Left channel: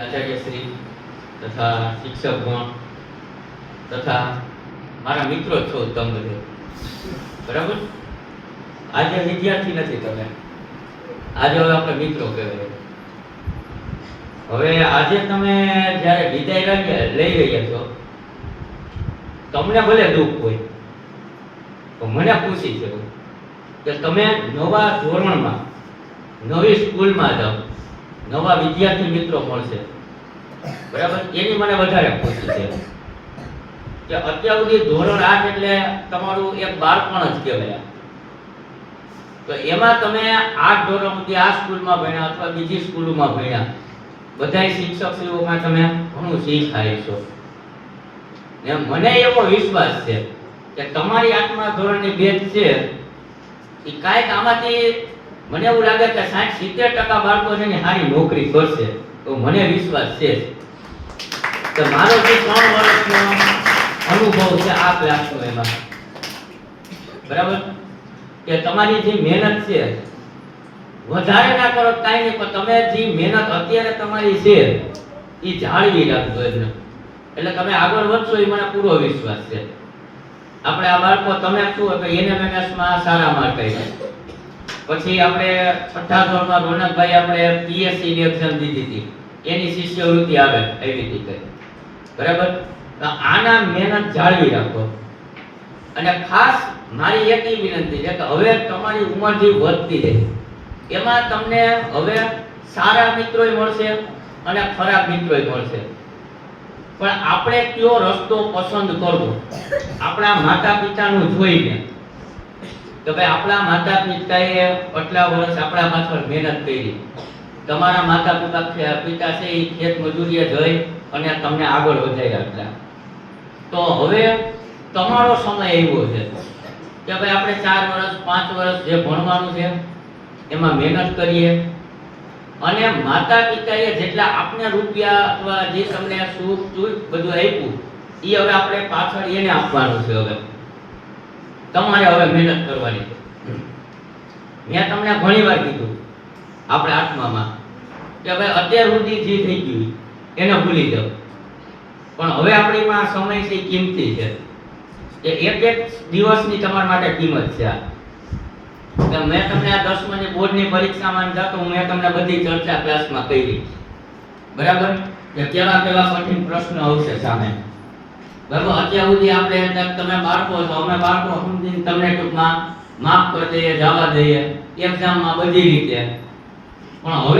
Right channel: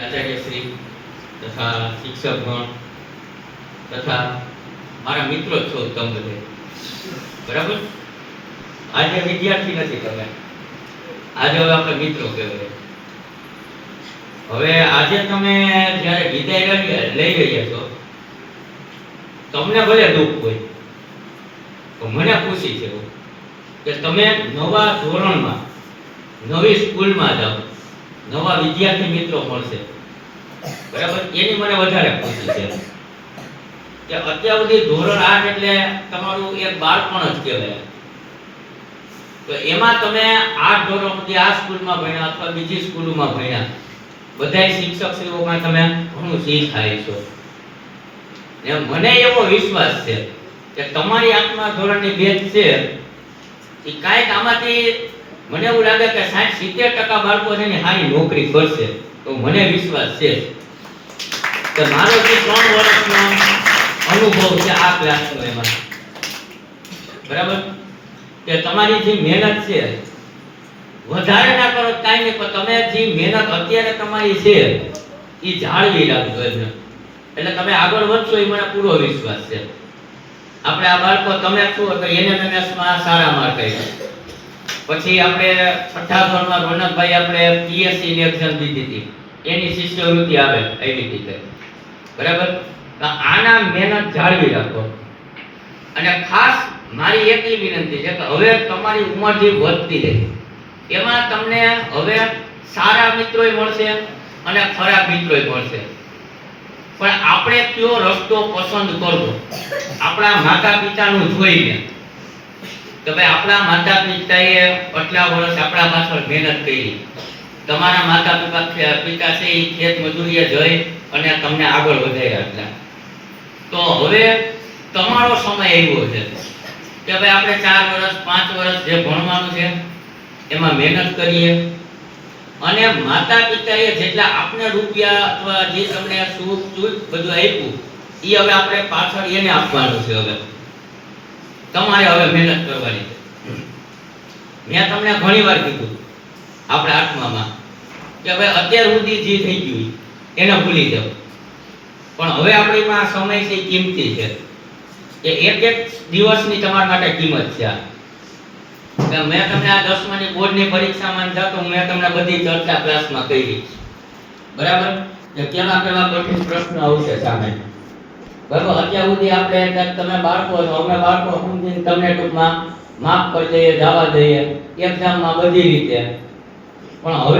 આચાર્યશ્રી તથા શિક્ષકગણ તથા મારા મિત્રો છો તમે બધે, બરાબર. આજે વિદ્યાર્થી નથી તમે, આજે હવે આપણે મિત્રો કહેવાય. હવે આજે તમે જ્યારે વિદાય લઈ રહ્યા છો, તમને ભલે દુઃખ હોય તો મને ખુશી છે કે તમે નવા ધોરણમાં નવી સ્કૂલમાં જાઓ, નવા વિદ્યાર્થી મિત્રો મળશે, બરાબર. એની મને વધારે ખુશી છે કે અત્યાર સુધી ધોરણ 8 એટલે તમારું એક બાળપણ જ કહેવાય. તો એમાં તમે 8 ધોરણ સુધી આ સ્કૂલમાં ભણ્યા અથવા બીજી સ્કૂલોમાં ભણ્યા, બધાય શિક્ષકશ્રીઓમાં તમે ઘણું શીખાય છો. ને મને એવો વિશ્વાસ છે કે તમારી 8મા ધોરણની બેચ છે એ કાંઈક આમાંથી મને એવું લાગે કે 60-70% બાળકો છે ને સારી નોકરી કરશે. તો મને વિશ્વાસ છે કે મારો જે 3 વર્ષનો અનુભવ છે આ ક્લાસનો એમાં, બરાબર, કે તમારી જે મહેનત છે વધારે ના કરો કાંઈ નહીં, પણ તમે જે મહેનત અત્યારે તમારી છે એ જાળવી રાખજો એમને, એટલે તમે આગળ વધશો એ મને પૂરો વિશ્વાસ છે. આપણે આ બાળકો તમે શું કે એનએમએમએસમાં સારા માર્ક આવ્યા, પછી આપણે 6થા ધોરણમાં રોનકભાઈ આપણે પીએસસી ની એક્ઝામ દીધી હતી, એની શિષ્યવૃત્તિ આવે આવી રીતે, બરાબર. આના મહેનત જાળવી રાખો. અને ખાસ મારી એક વિનંતી છે કે હવે તમારી ઉંમર જે વધતી રહે એમાં તમને હવે સારા મિત્રોય મળશે અને ખરાબ મિત્રોય મળશે, પણ આપણે કયો રસ્તો પસંદ કરવો આપણા માતા પિતાનું જોઈને કે ભાઈ આપણા માતા પિતાએ આટલા વર્ષ આપણા પાછળ મહેનત કરી, તમારા માતા પિતા છે એ ખેત મજૂરીએ જઈ અને તમને આગળ વધાર્યા હતા. તો હવે તમારો સમય આવ્યો છે કે ભાઈ આપણે 4 વર્ષ 5 વર્ષ જે ભણવાનું છે એમાં મહેનત કરીએ, અને માતા પિતાએ જેટલા આપણે રૂપિયા અથવા જે તમને સુખ દુઃખ બધું આપ્યું એ હવે આપણે પાછળ એને આપવાનું છે. હવે તમારે હવે મહેનત કરવાની છે. મેં તમને ઘણી વાર કીધું આપણે 8મામાં કે હવે અત્યાર સુધી જે થઈ ગયું એને ભૂલી જાઓ, પણ હવે આપણીમાં સમય છે કિંમતી છે કે એક દિવસની તમારા માટે કિંમત છે. કે મેં તમને આ 10માની બોર્ડની પરીક્ષામાં જતો મેં તમને બધી ચર્ચા ક્લાસમાં કરી, બરાબર, કે કેવા કેવા કઠિન પ્રશ્ન આવશે સામે, બરાબર. અત્યાર સુધી આપણે તમે બાળકો છો, અમે બાળકો સમજીને તમને ટૂંકમાં માફ કરી દઈએ, જવા દઈએ એક્ઝામમાં બધી રીતે, પણ હવે